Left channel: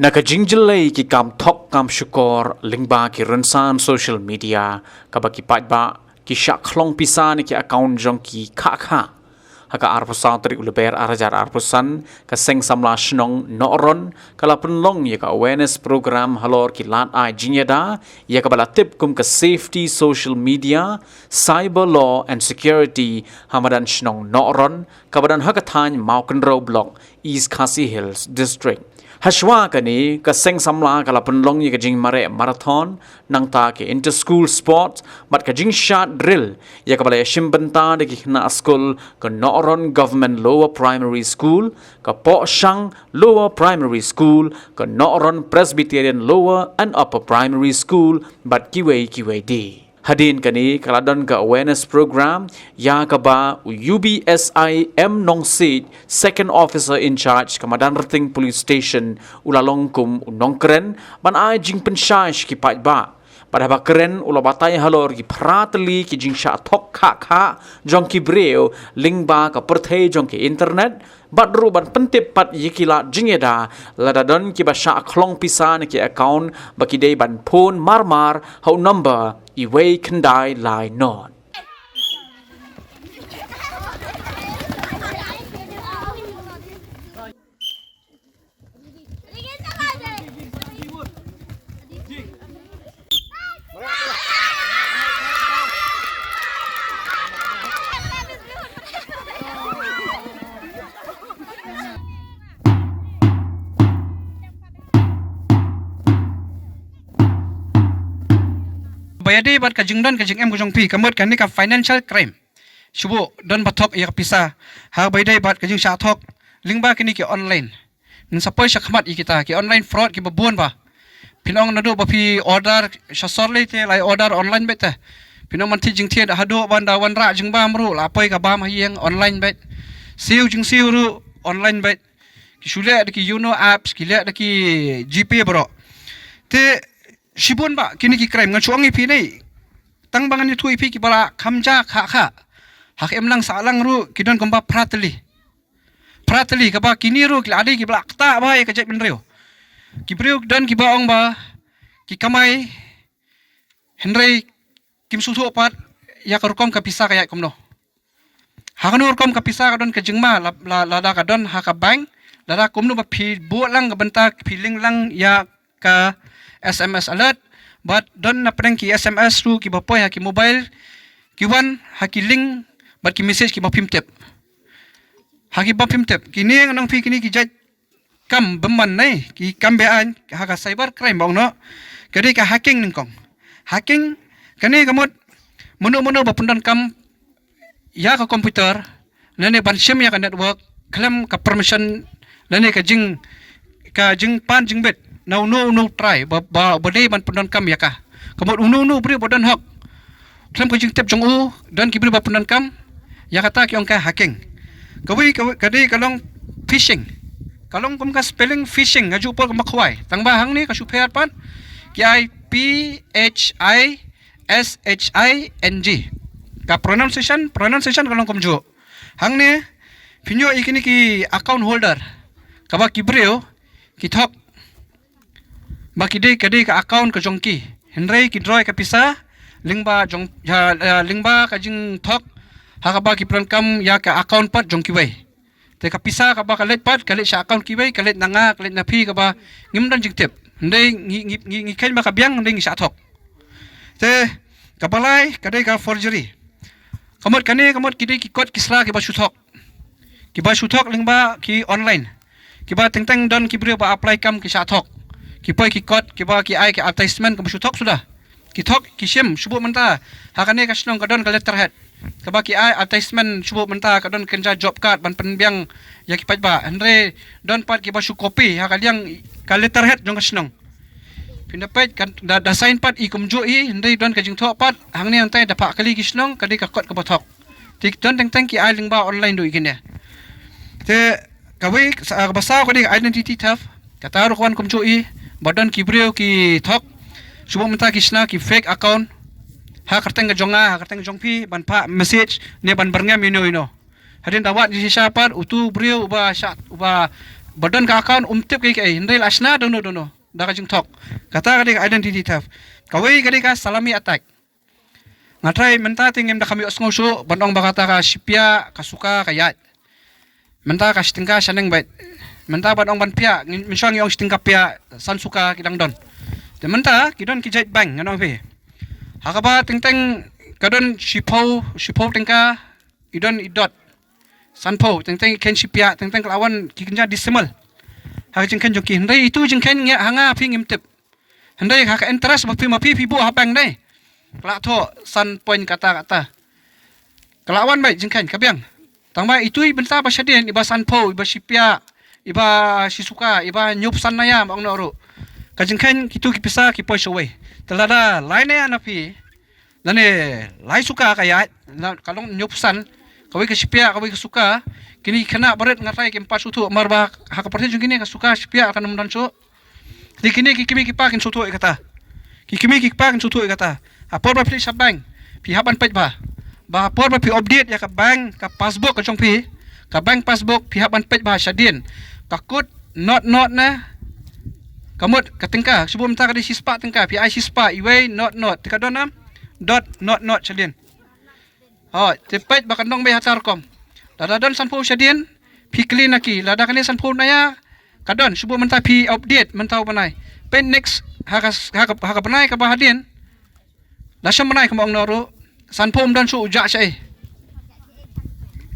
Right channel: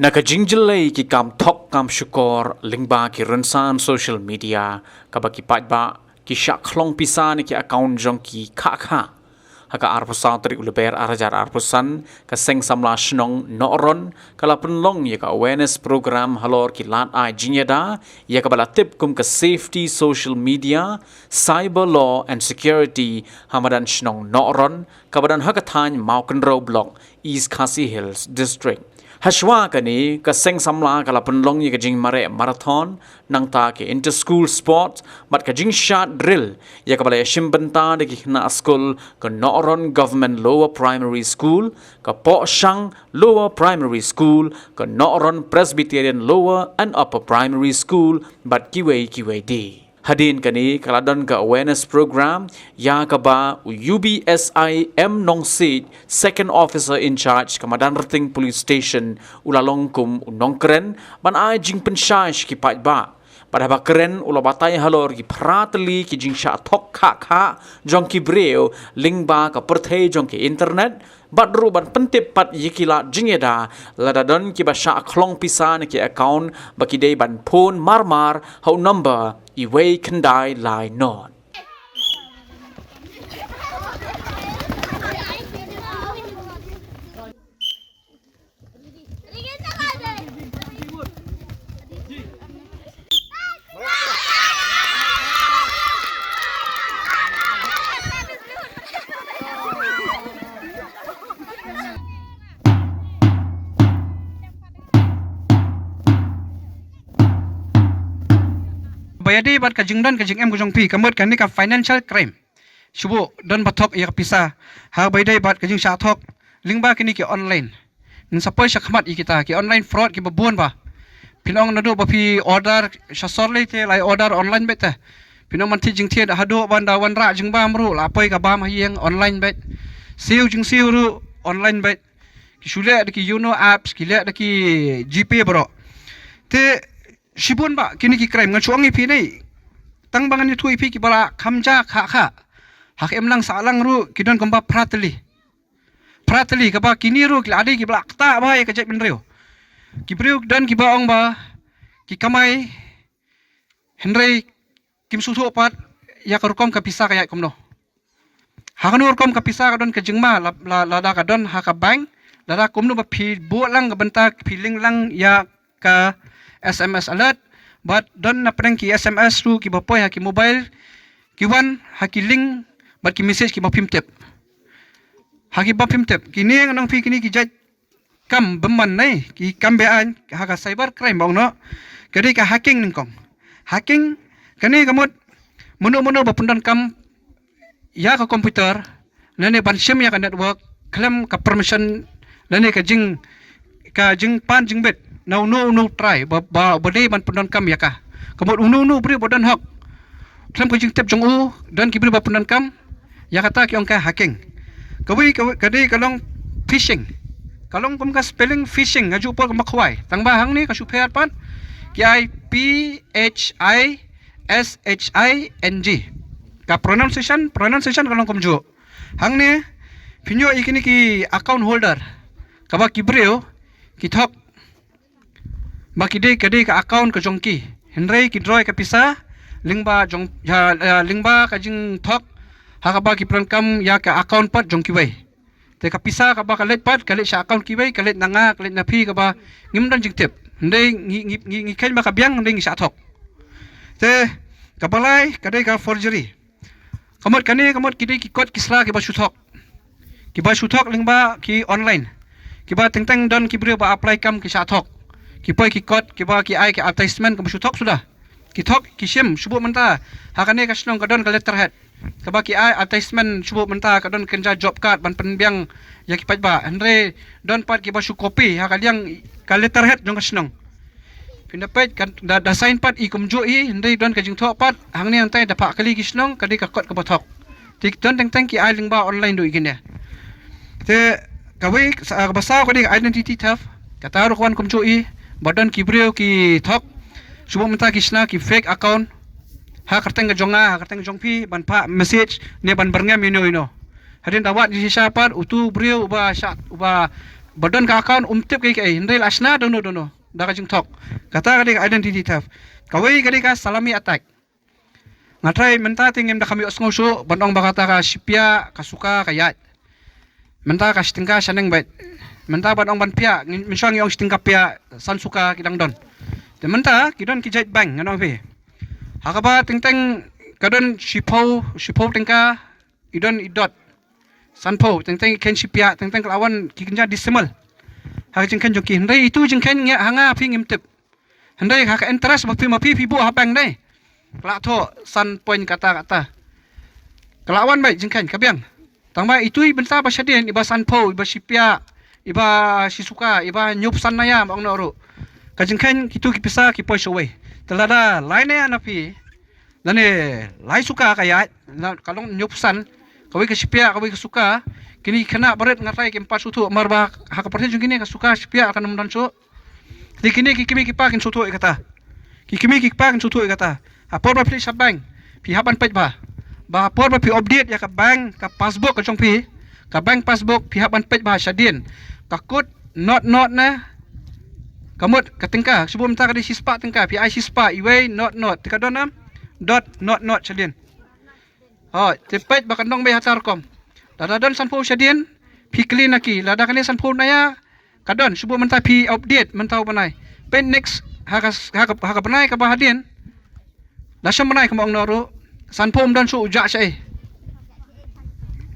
Nakajingjilay ki kam thok kam shukor lingba ki rensan social media kabaki patba ki syak klong pisa ni ki account jong ki kha haka arpusan trik uleber arajar arpusan ka seng samla shnong noron kala penlong ya ka awareness program halor ki lat ai jinyada ya ka bala tip kum ka safety social media cyber law and security hamadan shnong noron kabadan haka thany maukenro block East Khasi Hills district Hashwa kani ka seng samla kala penlong ye ka jing mare marathon nang ta ke inter school sport mat ka jing shot drill ya ka bala shimbenta de ki na school ka Noron government lower primary school ka Po Shang lower primary school ka Noron presbyterian lower and upper primary school bat kiwei di Hadin kani kaladon ka awareness program ya ka ba UBSI M Nong Seed second officer in charge kamadan rating police station ulalong kum unong keren ban ai jing penshash ki pat ba pada ba keren ula batay halor ki pratli ki jing sha thok kha jong ki breo ling ba ka perthei jong ki internet bat ru ban pentip pat yikila jingeda ladadon ki ba sha khlong pisan ki account ba ki dei ban phone mar how number iway kendai lai non Bayadi bat kajing don kajing em kujong pi kamot kan ni ka financial crime shubo don bathok ya pisa ha bayday bat kajing sha thok lingba kini ki online nin sapoi shakmat i kita ki online fraud ki babon ba pinong nadu ba pi order shasor le te lai order online beta pinong man ti jing the da hado ban da wan ra jing ba mru la poi ka ba ma hieng online bet siu jing siu ru online bet ki shule da ki apps ki le da ki gp bro te Shibun ba kini ki crime ngachuang ipi nei tang bangan itu ipi ki bala kamja kha hak emlang salang ru kidon komba pratli ka ba kini ru ki adi ki bala kta ba ya kajep benreo ki breu dan ki baong ba ki kamai henry kim susu pat ya korkom ka pisa kaya komno hakan korkom ka pisa kadon ka jingma la da kadon haka bank la komno ba phi bo lang ka bentak feeling lang ya ka SMS alert but don na prank ki SMS ru ki bapoy ha ki mobile ki wan ha ki link but ki message ki bapim tep ha ki bapim tep kini ngang fi kini ki jaj kam beman nei ki kam bean ha ka cyber crime bang no kadi ka hacking ning kong hacking kani kamot mono bapundon kam ya ka komputer nene ban sim ya ka network claim ka permission nene ka jing pan jing bet no try ba dei ban pendon kam ya ka komot no bri bodan hak klem ko jing tep jong u don ki bri ba pendon kam ya kata ki ongka hacking kadi kalong phishing kalong kum ka spelling phishing ngaju por makhwai tang ba hang ni ka super pan ki I PHISHING ka pronunciation kalong kum jo hang ni pinyo ikini ki account holder kaba ki breo ki thok Makide kade ka account ka jongki henry ki droy ka pisa lingba jong lingba ka jing thok hakaba ki pronkam ya ka account pat jongki wei te ka pisa ka ba ka let pat ka let sa account ki wei ka let nanga ka let na phi ka ba ngim dan jing tep ndei ngi ken ba ka biang ndei ngi sa thok te ka balai kade ka forgery kamot kide ki code kisla ki ba shuthok lingba ki online ki ba teng don ki brio ba apply kam ki sa thok ki poi ki kot ki ba ki ai ki advertisement ko suthok sudah ki thok ki sim subuh menta hakane ka snong kadon ka letterhead ka ba ki ai advertisement subuh menta kadon kenja job card ban penbiang ya ki pajba andre don pat ki ba su copy hakaliang ka letterhead jong ka snong pinapet kan da sign pat i kumjo i andre don ka jing thok pat hangne antai da pa kali ki snong kadi ka kot ka ba thok tik don teng ki ai lingba online do igine te kawi basa ko di identity theft kataru kwan kumjo i badan ki breu ki thok subo menta kisna ki fake account ha karteng jonga ha karteng jongpi ban pa message ne ban berngam ino hadin dawat di siapa utu breu uba syak uba badan ka account umtip ke hindai lasna dono da ka jing thok kata ka identity theft kawai ka salami attack ngatrai menta tingem da kami osngo so bandong bakata ka sipia ka suka ka yat menta ka stingka saneng bait menta bandong ban pia minsang yong stingka pia san suka kidang don te menta kidon kijait bank ngano pe hakaba tingteng kadon sipau tingka idon idot sanpo tingteng ken sipia tingteng lawan kikinja disimal ha jingken joki ndai itu jingken nge hanga ping imtip ndai ha ka interest bakti mapi bu habang dai kelak to san point kata kelawan baik jingkan kabiang tangba itu benta basyadien iba sanpo iba sipia iba sisuka iba nyup sanaya bang noru kajingkan kitu kipisa ki poi showe telada lain ya napi lane lai suka kaya kalong nyup san kawai ke sipia kawai ke suka kini kena baret ngatai ke empat sutu marba hak perti jung kini ke suka sipia akan mundan so di kini kikimi kipakin sutu ikata kikimi kipakin sutu ikata apor ba pli sabang pi haban pet ba apor ba pi update ya ka bank ka passbook ka jong pi ka bank passbook pi haban pet ba syadin takut not na kamut katingka sebelum ta ka di sispa tingka pi ai sispa iway not tika donam dot not syadin ha tepet ba kanong be hatarkom dadadan sanpo syadin pi clean aki lada kani sanpo naya kadon sebelum menta pi update mentau banai pen next haka banai ka bahadin Lasam manai ke mak noro sanpom dan su ujak saya.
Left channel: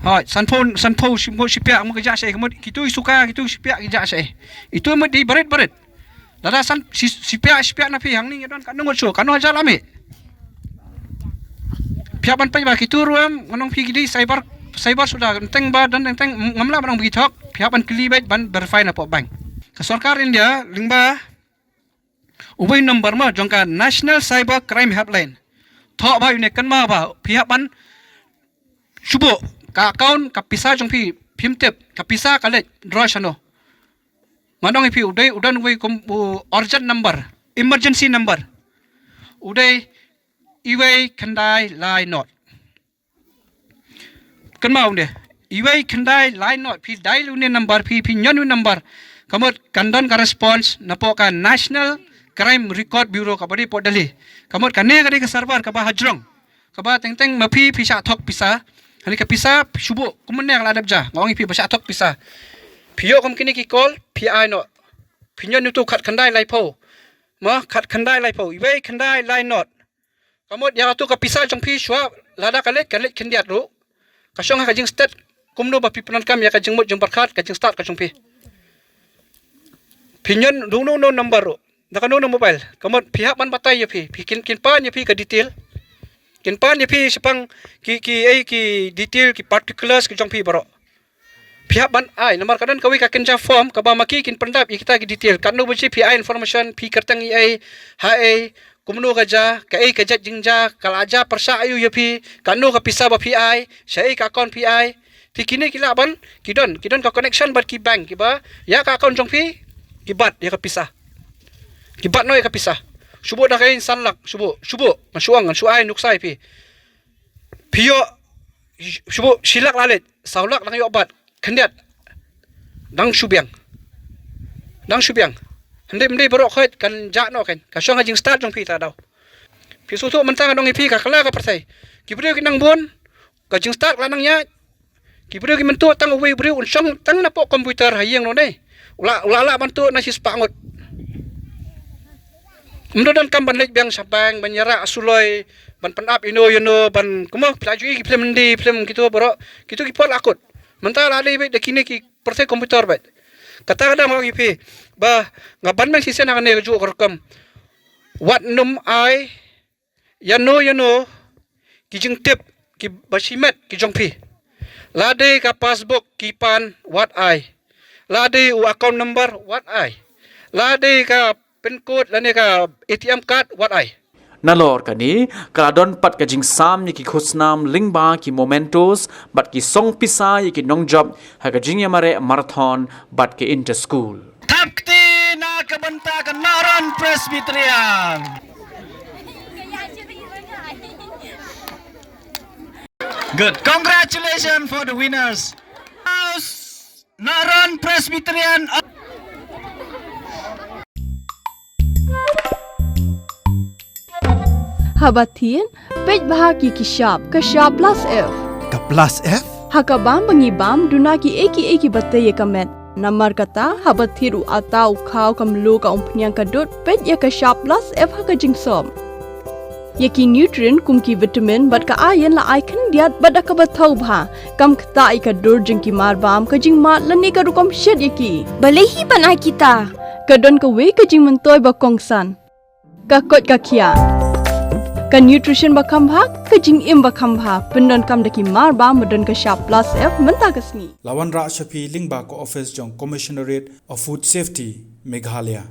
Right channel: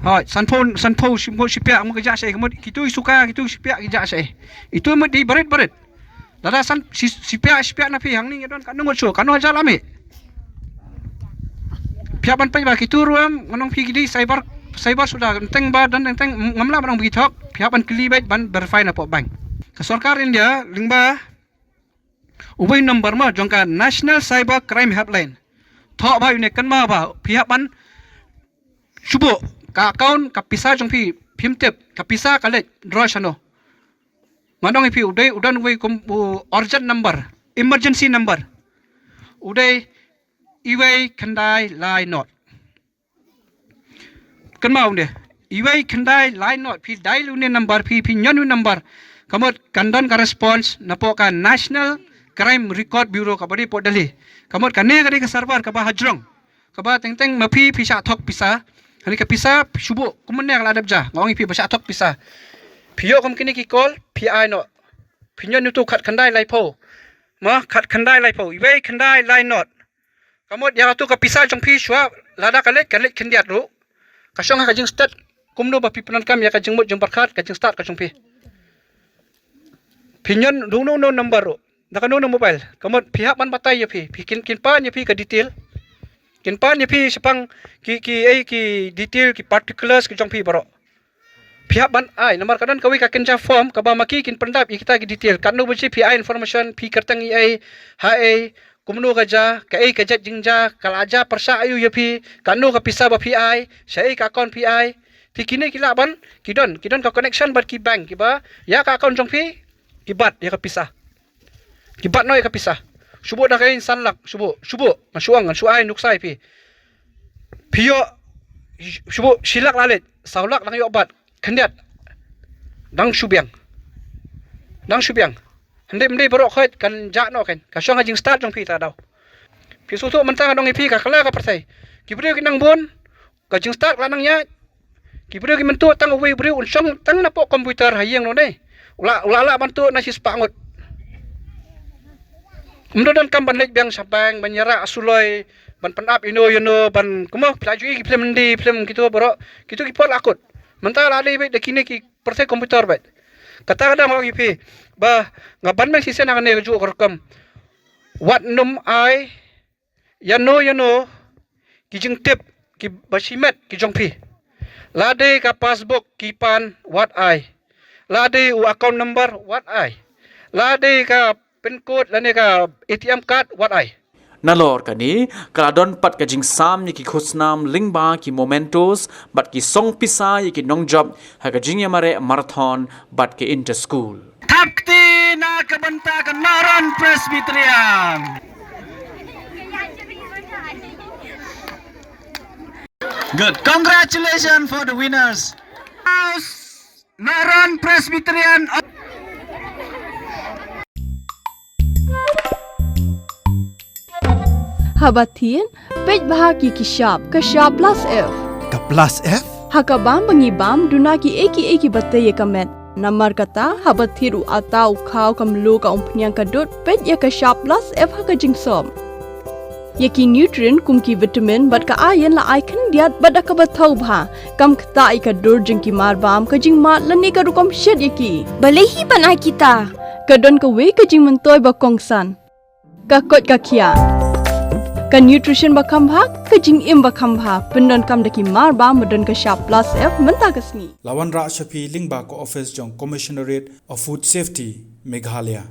Ha sanpom simbo sipiak mu kejak saya kemud kitu suka kitu sipiak kejak saya. Itu mu di baret. Lada san sipiak napi hang ni don kan ngut su kan aja lami. Piaban pai ba kitu ruam ngonong pi di cyber sudah enteng ba dan enteng ngamla barang begitu piaban kili baik ban verify na po bank. Sarkar India lingba ubay number ma jongka National Cyber Crime Helpline. Thok ba yune kan ma ba pihak ban subo ka account ka pisa jong pi phimtep ka pisa ka le draw chano. Manong pi udan we urgent number, emergency number. Uday iway kandai line not. Kan ma unde iway kandai line not pi dial une number pi nyonu number. Kamot kandon ka response napo ka National Crime Record Bureau ka bari po dali kamot kane ka server ka ba hajrong ka ba teng mapi pisa thok pisa hani ka pisa subo kumunne ka ladab ja ngongi pi basa thok pisa piyo kom kini ki call pi no pinyo nutu khat khandai laipo ma khat khandai laipo iwe khandai lai not kamot ya tu ka pisa jong pi shwa lada kalet khandiat ru ka song ka jing start kumno ba pi panan kam ya ka jing mot jing barkhat ka jing start ka jong pi pinyon no number ru nakano no mobile kamot pihak man patay ya pi kin pan ya pi ka detail kin pan ya pi sepang ki detail ki particulars ki jong pi baro pihak ban ai nomor kadan kawi ka kenja form ka ba maki kin pendap kita ki detail kan no bunci pi information pi kertang ai kumno ka ja ka ka jat jingja kalaja persa ayu ya pi kan no ka pisa ba pi sai ka account pi pi kini kila ban kidon ka connection bat ki bank ki ba ya ka account jong pi ki bat ya ka pisa kibat noi kapisa subo dah kain sanlak subo masuang suai nuksai pi pio subo silak lalit saulak lang yobat kendiat dang subiang hende borok khoit kan ja no kan kasong hajing start jong pi ta daw pi su tu mentang dong pi ka kala ka persai kibrio kinang bon ka jing start lanang ya kibrio ki mentu tang uwi brio unsong tang na po komputer hayeng no dei ula bantu nasi spangot Mdodan kam ban lek biang sabang ban yara asuloi ban penap ino ban kuma pelajui ki film gitu bro gitu ki pol akut mental ada ibe dekine ki perse komputer bet kata kadang orang ipi ba ngaban mang sisen ang ne ju korkam wat num ai yano ki jing tip ki basimet ki jongpi lade ka passbook ki pan what ai lade u account number what ai lade ka pin code lane ka ATM card what ai Nalor kani kaladon pat kajing sam ki khusnam lingba ki momentos bat ki song pisa ki nong job ha kajing yamare marathon bat ki inter school Takti na kabanta Kanaran Presbyterian. Good. Congratulations for the winners. Naran Presbyterian Habatin, pej bahagi kishab plus F. Ka plus F? Hakabam bangibam dunaki eki bataya kamet. Namar kata habathiru atau kau kamlu ka umpnyang kadut pej ya kishab plus F haka jingsom. Yaki nutrient kumki vitamin bat ka ayan la icon diat bat ka bathau bha kam kata ika dur jingki marbam ka jing mat lani ka rukom shed yaki. Balehi panai kita. Kadon ka we ka jing mentoy ba kongsan. Ka kot ka kia. Ka nutrition ba kambha ka jing im ba kambha pendon kam daki marba medon ka sharp plus F menta kasni. Lawan Ra Shafi Lingba ko office jong Commissionerate of Food Safety Meghalaya.